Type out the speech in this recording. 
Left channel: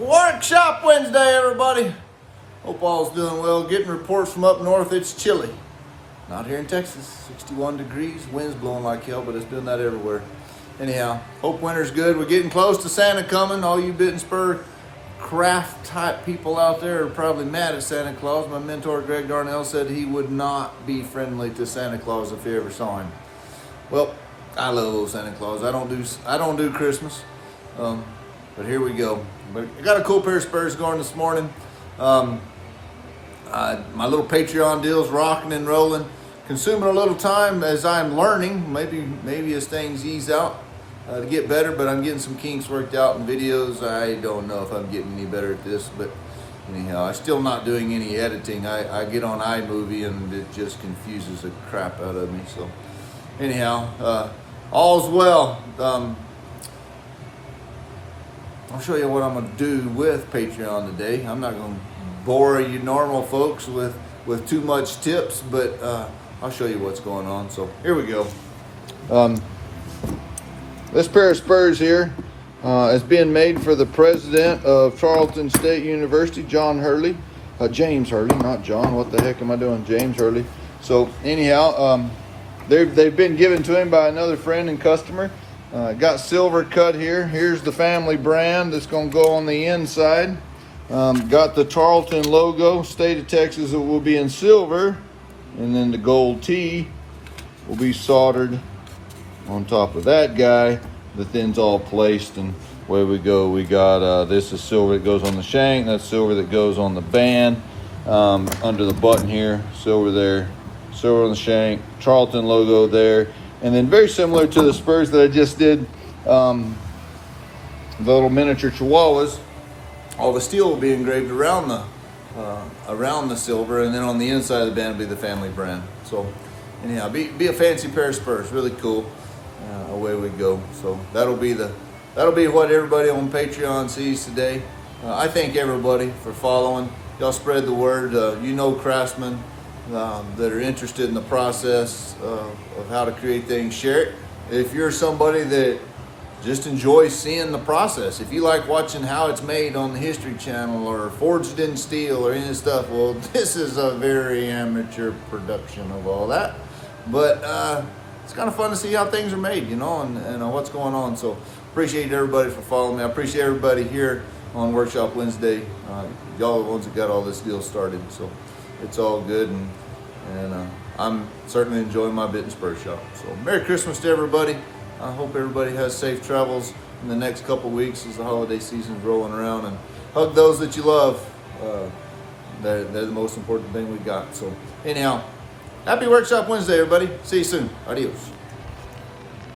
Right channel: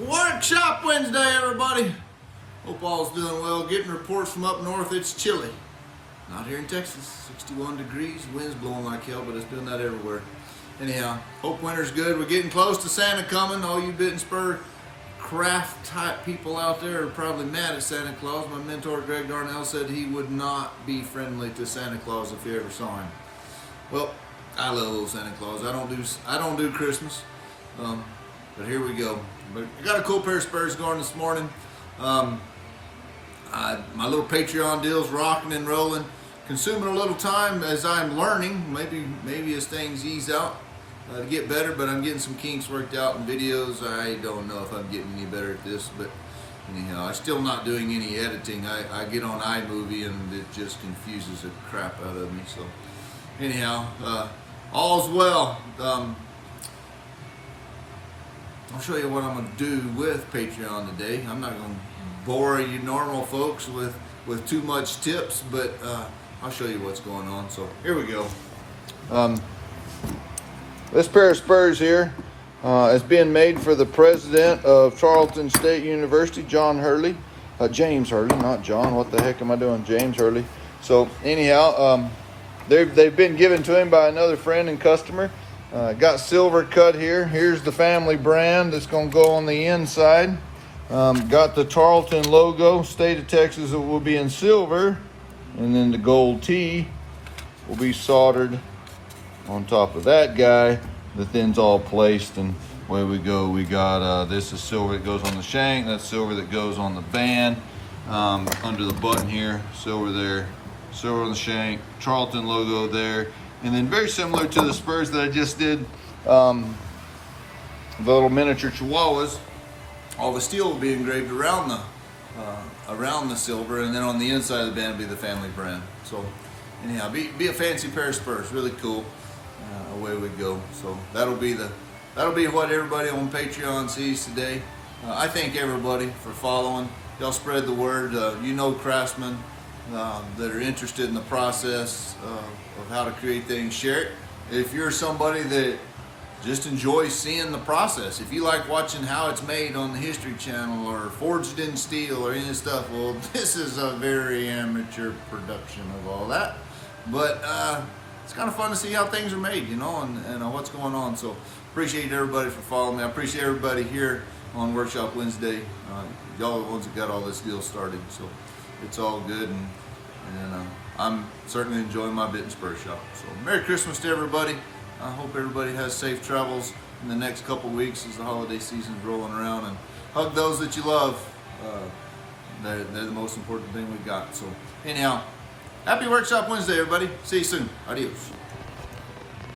Workshop Wednesday, everybody. Hope all's doing well. Getting reports from up north, it's chilly. Not here in Texas, 61 degrees, wind's blowing like hell, but it's doing that everywhere. Anyhow, hope winter's good. We're getting close to Santa coming. All you bit and spur craft type people out there are probably mad at Santa Claus. My mentor, Greg Darnell, said he would not be friendly to Santa Claus if he ever saw him. Well, I love old Santa Claus. I don't do Christmas, but here we go. But I got a cool pair of Spurs going this morning. My little Patreon deal's rocking and rolling. Consuming a little time as I'm learning. Maybe as things ease out to get better, but I'm getting some kinks worked out in videos. I don't know if I'm getting any better at this, but anyhow, I'm still not doing any editing. I get on iMovie and it just confuses the crap out of me. So anyhow, all's well. I'll show you what I'm going to do with Patreon today. I'm not going to bore you normal folks with too much tips, but I'll show you what's going on. So here we go. This pair of Spurs here is being made for the president of Charleston State University, James Hurley, not John. What the heck am I doing? James Hurley. So anyhow, they've been given to him by another friend and customer. Got silver cut here. Here's the family brand that's going to go on the inside. Got the Tarleton logo, state of Texas, it will be in silver. And then the gold T will be soldered on top of that guy. The thin's all placed, and away we go. We got, this is silver that goes on the shank. That's silver that goes on the band. Under the button here, silver there. Silver on the shank, Charlton logo there. And then very similar to the Spurs that I just did, the little miniature chihuahuas, all the steel will be engraved around the silver, and then on the inside of the band will be the family brand. So anyhow, be a fancy pair of Spurs, really cool. Away we go. So that'll be what everybody on Patreon sees today. I thank everybody for following. Y'all spread the word. Craftsmen that are interested in the process of how to create things, share it. If you're somebody that just enjoys seeing the process, if you like watching how it's made on the History Channel or forged in steel or any of this stuff, well, this is a very amateur production of all that. But it's kind of fun to see how things are made, and what's going on. So appreciate everybody for following me. I appreciate everybody here on Workshop Wednesday. Y'all are the ones that got all this deal started, so it's all good, and I'm certainly enjoying my bit and spur shop. So Merry Christmas to everybody. I hope everybody has safe travels in the next couple weeks as the holiday season's rolling around, and hug those that you love. They're the most important thing we got. So anyhow, happy Workshop Wednesday, everybody. See you soon. Adios.